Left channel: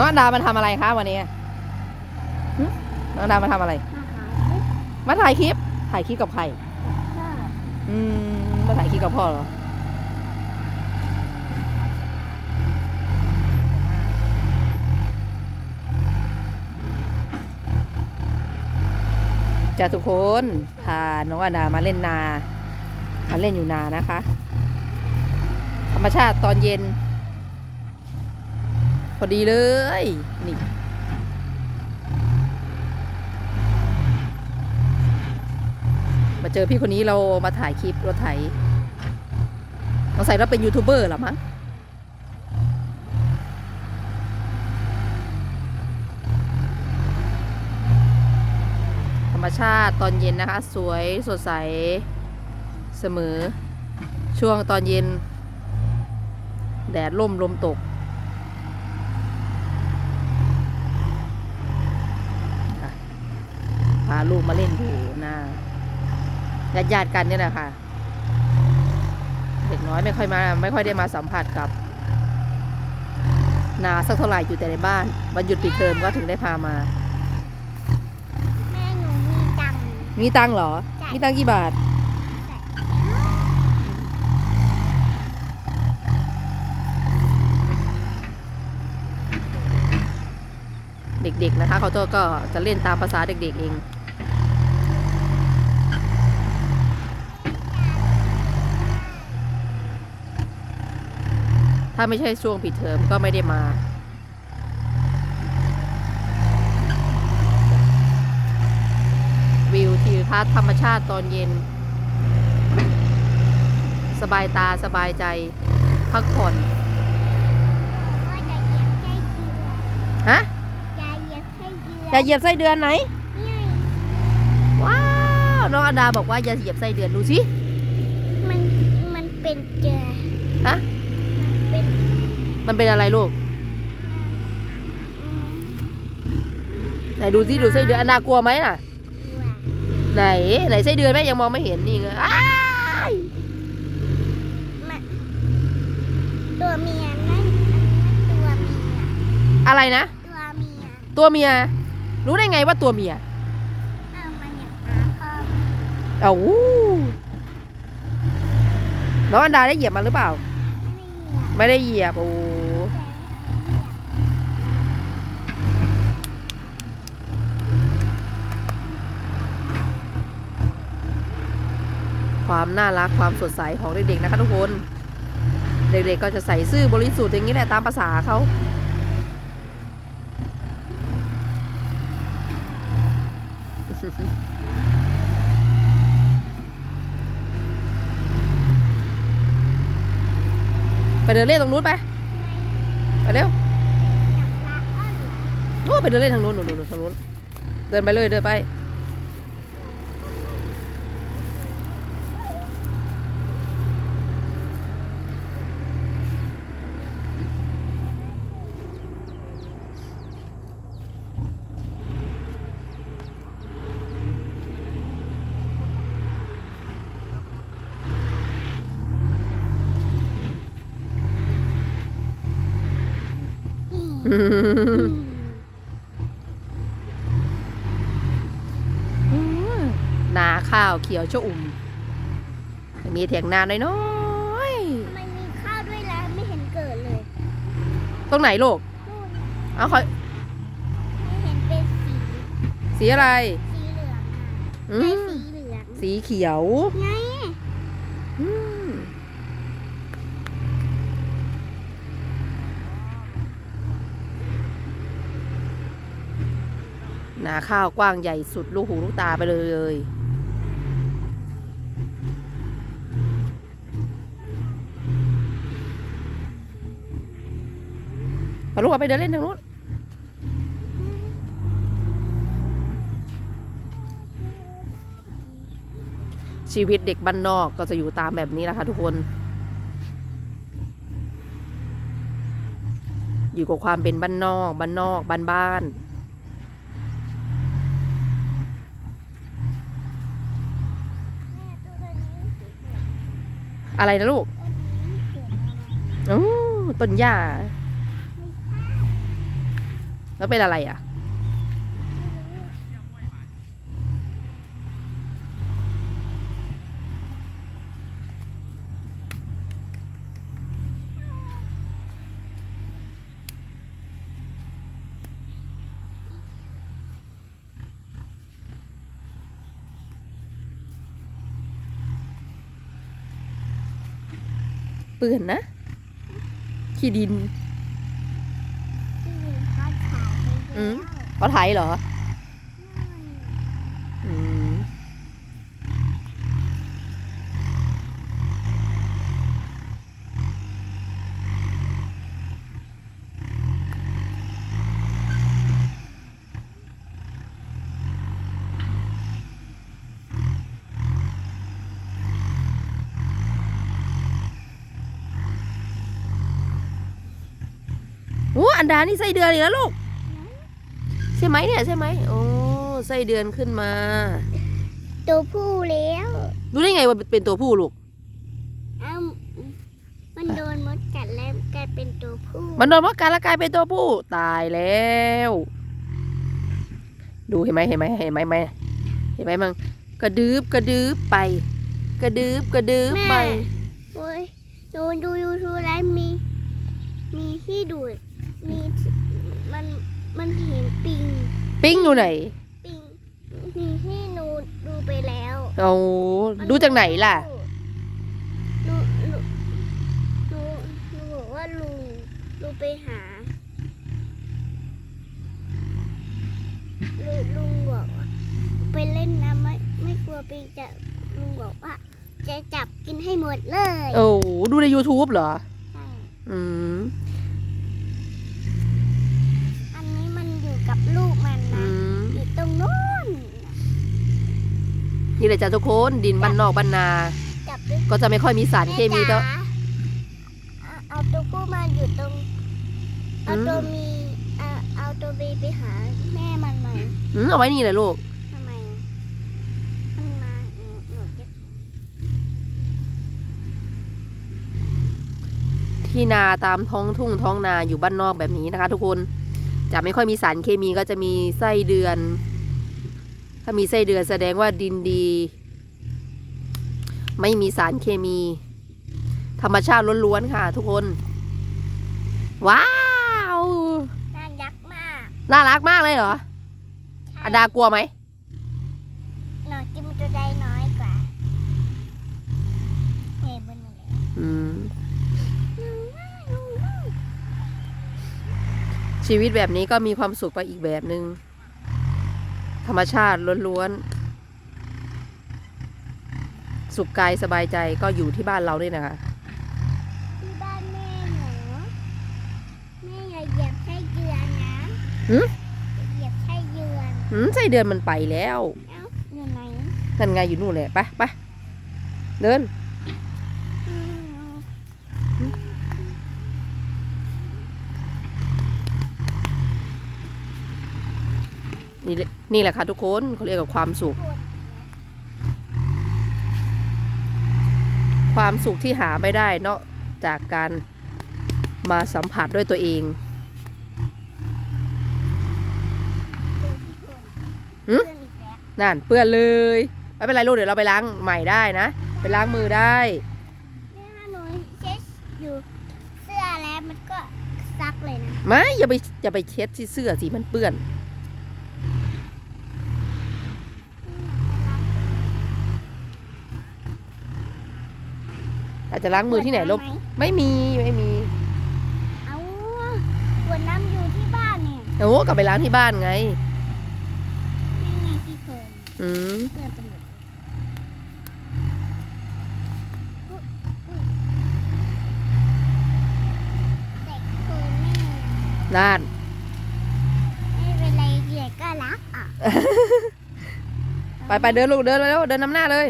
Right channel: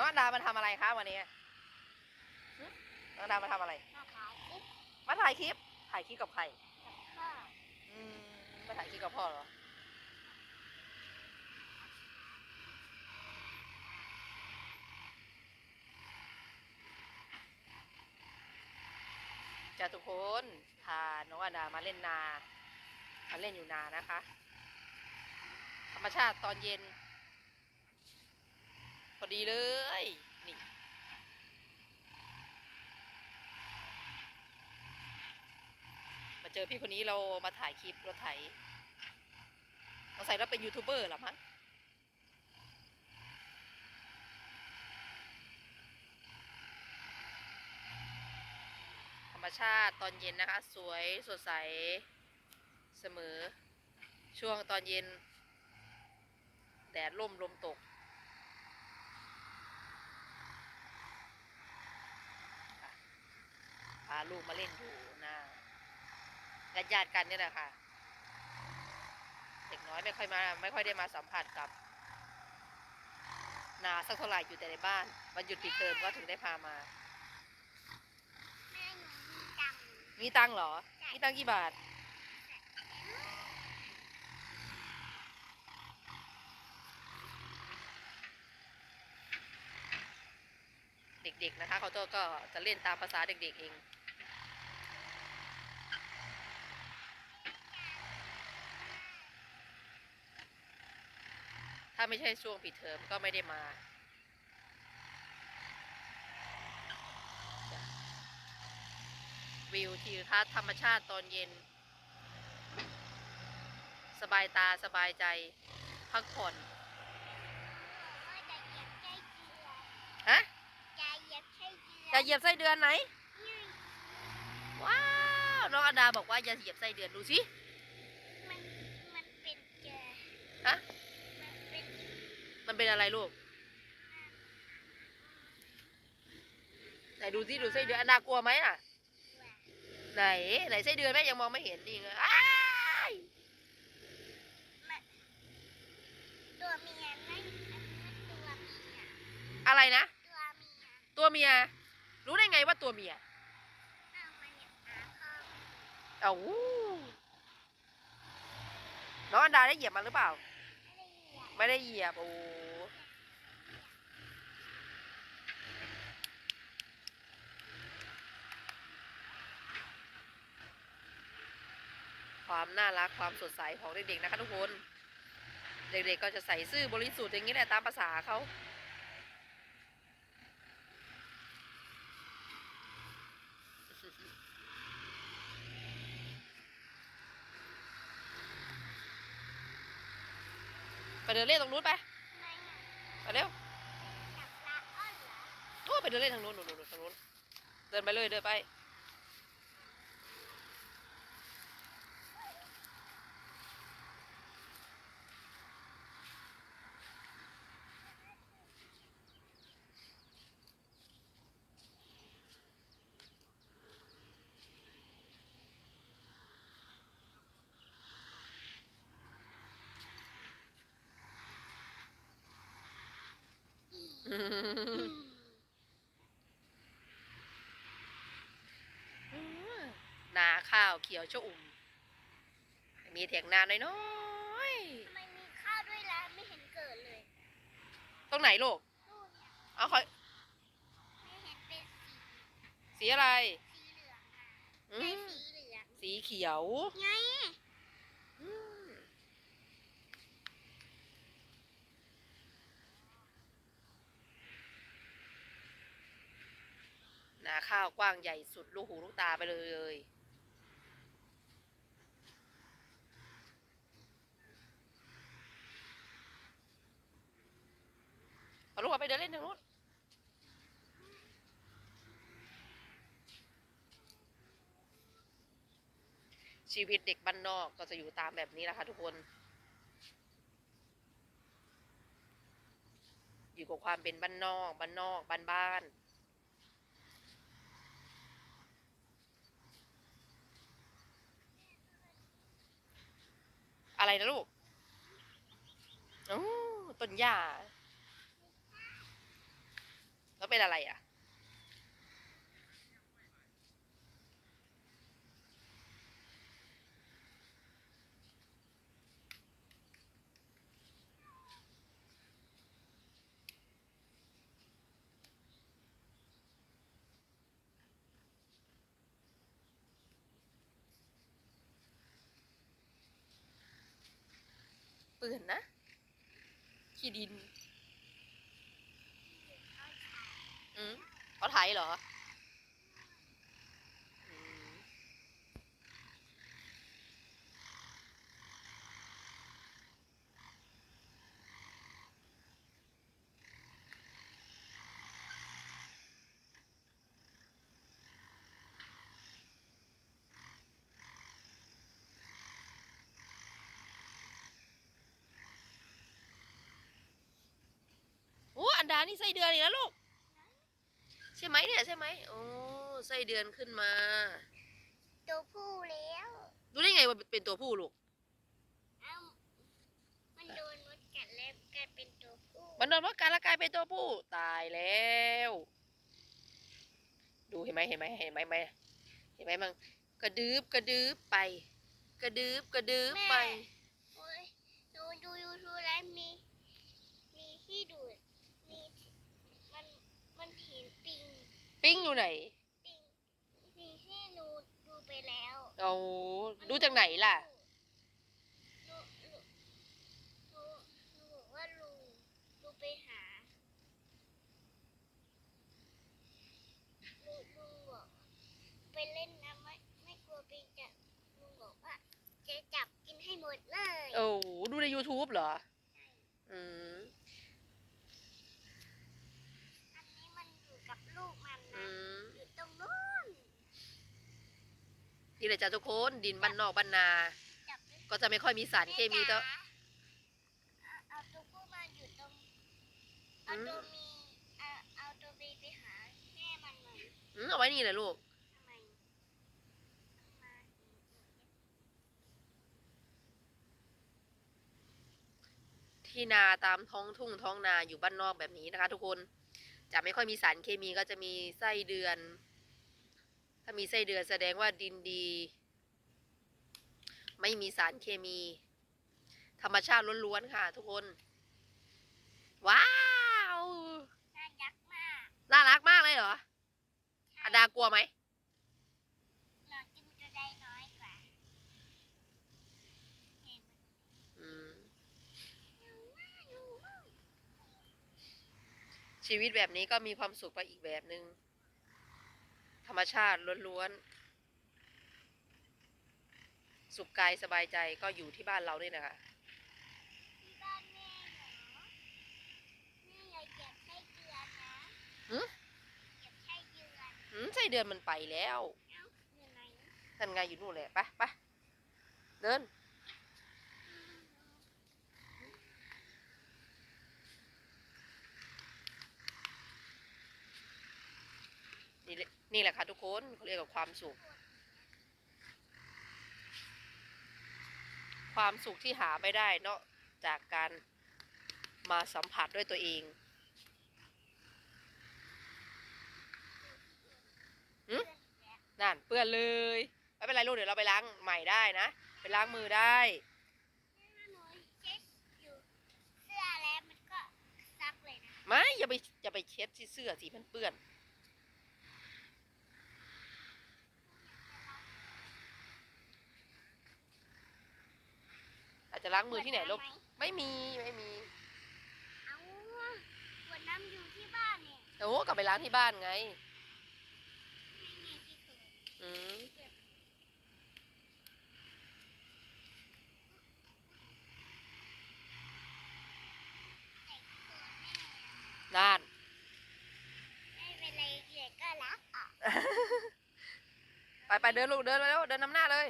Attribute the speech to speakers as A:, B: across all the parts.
A: น้องอันดามาทำอะไรคะวันนี้หึน้องอันดามาทำอะไร
B: มาหาที่
A: มาถ่ายคลิป ถ่ายคลิปกับใคร
B: ก็
A: อืม มาถ่ายคลิปกับพ่อเหรอ จะทุกคนพาน้องอาดามาเล่นนา มาเล่นอยู่นานะคะ ธรรมชาติตอนเย็น พอดีเลย นี่มาเจอพี่คนนี้เรามาถ่ายคลิปรถไถสงสัยเราเป็นยูทูบเบอร์หรอมั้งธรรมชาติตอนเย็นนะคะ สวยสดใสเสมอ ช่วงตอนเย็น แดดล่มลมตก ค่ะพาลูกมาเล่นอยู่นาญาติญาติๆกันเนี่ยแหละค่ะ เด็กน้อยไม่ค่อยมา ไม่ค่อยได้มาสัมผัสกับ นาสักเท่าไหร่อยู่แต่ในบ้านวันหยุดปิดเทอมก็ถึงได้พามา
B: แม่หนูมีตังค์
A: มีตังค์เหรอ
B: ใช่
A: มีตังค์กี่บาท เด็กๆนะคะเขาจะก็จะเล่นตามภาษาเด็กๆเอง ถ้าไม่ใช่ช่วงปิดเทอมก็ไม่ได้มา วิวทิวทัศน์ธรรมชาติตอนเย็น สบายตาสบายใจ พักผ่อน
B: ก็จะเหยียบไส้เดือน
A: ฮะ
B: จะเหยียบไส้เดือน
A: อย่าเหยียบไส้เดือนไหน
B: นี่
A: ว้าว น้องอดาบอกว่าอย่าเหยียบไส้เดือนดูสิ
B: มัน มันเป็นเจอ
A: ฮะ
B: มันเป็น
A: มันเป็นอะไรลูก ไหนดูสิดูไส้เดือนอดากลัวไหมน่ะ ไหนไหนไส้เดือนแม่ยังมองไม่เห็นนี่ไงอ้าย
B: ตัวเมียนั่นตัวเมีย
A: อะไรนะ
B: ตัวเมีย
A: ตัวเมีย รู้ได้ไงว่าตัวเมีย
B: เอามันอย่างหาพ่อ
A: เอาวู้น้องอันดาได้เหยียบมันหรือเปล่า
B: ไม่ได้เหยียบ
A: โอ้ความน่ารักความสดใสของเด็กๆนะคะทุกคน เด็กๆก็จะใส่ซื่อบริสุทธิ์อย่างนี้แหละตามภาษาเขา ไป เดินเล่นตรงนู้นไปไปเร็วโอ้ไปเดินเล่นทางนู้นนู้นนู้นทางนู้นเดินไปเลยเดินไป นาข้าวเขียวชะอุ่ม มีเถียงนาน้อย
B: มันมีข้าวด้วยแล้วไม่เห็นเกิดเลย
A: ๆตรงไหนลูก
B: นู่น
A: เอาคอย
B: ไม่เห็นเป็นสี
A: สีอะไร
B: สีเหลือง
A: อื
B: อะ
A: ม
B: ไอ้สีเหลือง
A: สีเขียว
B: ไง
A: อืม นาข้าวกว้างใหญ่สุดลูกหูลูกตาไปเลยไปลูกไปเดินเล่นทางนู้นชีวิตเด็กบ้านนอกก็จะอยู่ตามแบบนี้แหละค่ะทุกคน อยู่กับความเป็นบ้านนอก บ้านนอก บ้านบ้าน อะไรนะลูกอ๋อต้นหญ้าแล้วเป็นอะไรอะ เปื่อนนะ ขี้ดิน
B: ที่มีทอดขายไป
A: อืม
B: แล้ว
A: เขาไทยเหรออืม โอ้อันดานี่ไส้เดือนอีกแล้วลูก ใช่ไหมเนี่ยใช่ไหมโอ้ไส้เดือนขึ้นมา
B: ตัวผู้แล้ว
A: รู้ได้ไงว่าเป็นตัวผู้ลูก
B: เอ้ามันโดนมดกัดแล้วกลายเป็นตัวผู้
A: มันโดนมดกัดแล้วกลายเป็นตัวผู้ตายแล้ว ดูเห็นไหมเห็นไหมเห็นไหมไหมเห็นไหมมังกระดืบกระดืบไป กระดืบกระดืบไป
B: แม่โอ้ยดูดูยูทูบแล้วมี มีที่ดูด มีที่มันมันเห็นปิง
A: ปิ้งอยู่ไหน
B: ปิงมีที่หนูดูไปแล้ว
A: โอ้ดูจากไหนล่ะ
B: หนูหนูหนูหนูบอกว่าลุงลุงไปหาลุงลุงบอกว่าไปเล่นน้ำไม่ไม่กลัวปิงจะลุงบอกว่า จะจับกินให้หมดเลย
A: โอ้ดูใน YouTube เหรอ
B: ใช่
A: อืม
B: อันนี้มันอยู่กับลูกมัน
A: อื
B: นะ
A: ม
B: อยู่ตรงนู้น
A: นี่แหละจ้ะทุกคนดินบ้านนอกบ้านนา
B: จับด้วย
A: ก็จะไม่ค่อยมีสารเคมีก็
B: แจ๋าเอาเอาตัวผู้มาอยู่ตรง เอา
A: อืม
B: ตัวมีเอาเอาตัวบีไปหาแม่มันหน่อย
A: อืมเอาไว้นี่แหละลูก
B: ทำไมอะมันมาหนูหนูจะ
A: ที่นาตามท้องทุ่งท้องนาอยู่บ้านนอกแบบนี้นะคะ ทุกคนจะไม่ค่อยมีสารเคมีก็จะมีไส้เดือนถ้ามีไส้เดือนแสดงว่าดินดี ไม่มีสารเคมี ธรรมชาติล้วนๆค่ะ ทุกคน ว้าว
B: น่ายักษ์มาก
A: น่ารักมากเลยเหรอ
B: ใช่
A: อดากลัวไหม
B: หนูกินตัวใดน้อยกว่าเฮ้ยบนเลย
A: อืม ชีวิตแบบนี้ก็มีความสุขไปอีกแบบหนึง่ง ธรรมชาติล้วนๆ สุขกายสบายใจก็อยู่ที่บ้านเราด้วยนะคะ
B: ที่บ้านแม่หนูแม่อย่าเหยียบไส้เดือนนะ
A: หึ
B: เหยียบไส้เดือน
A: หืมไส้เดือนมันไปแล้ว
B: เอ้าอยู่ไหน
A: นั่นไงอยู่นู่นแหละไปไปเดิน
B: อืม
A: นี่แหละนี่แหละค่ะทุกคนเขาเรียกว่าความสุข ความสุขที่หาไม่ได้นอกจากการมาสัมผัสด้วยตัวเองหึ
B: เพื่อนอีกแล้ว
A: นั่นเปื้อนเลยไม่เป็นไรลูกเดี๋ยวเราไปล้างใหม่ได้นะ ไปล้างมือได้
B: เนี่ยหนูเช็ดอยู่เสื้อแล้วมันก็ซักเลยนะ
A: ไม่อย่าไปอย่าไปเช็ดที่เสื้อสีมันเปื้อน อาจจะล้างมือที่ไหนลูก
B: ขวดำม
A: ไม่มีไม่มี
B: เอาขวดน้ำอยู่ที่บ้านเนี่ย
A: โอ้กลับไปล้างที่บ้านไง
B: นั่นไงที่เคย
A: อืม
B: เพื่อนเป็นหมดแต่เคยแม่
A: นั่น
B: ไม่เป็นไรเดี๋ยวก็รักอะ
A: ไปไปเดินลูกเดินไปแล้วเดินนำหน้าเลย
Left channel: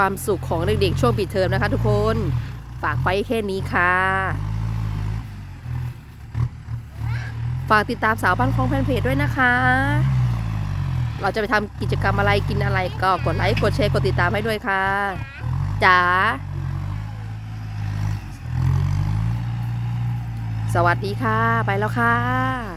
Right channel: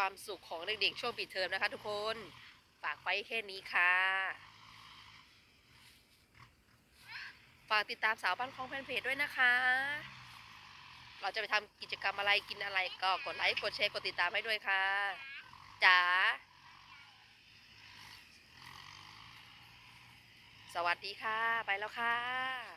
A: ความสุขของเด็กๆช่วงปิดเทอมนะคะทุกคนฝากไปแค่นี้ค่ะ ฝากติดตามสาวบ้านคลองแฟนเพจด้วยนะคะ เราจะไปทำกิจกรรมอะไรกินอะไรก็กดไลค์กดแชร์กดติดตามให้ด้วยค่ะจ๋าสวัสดีค่ะ ไปแล้วค่ะ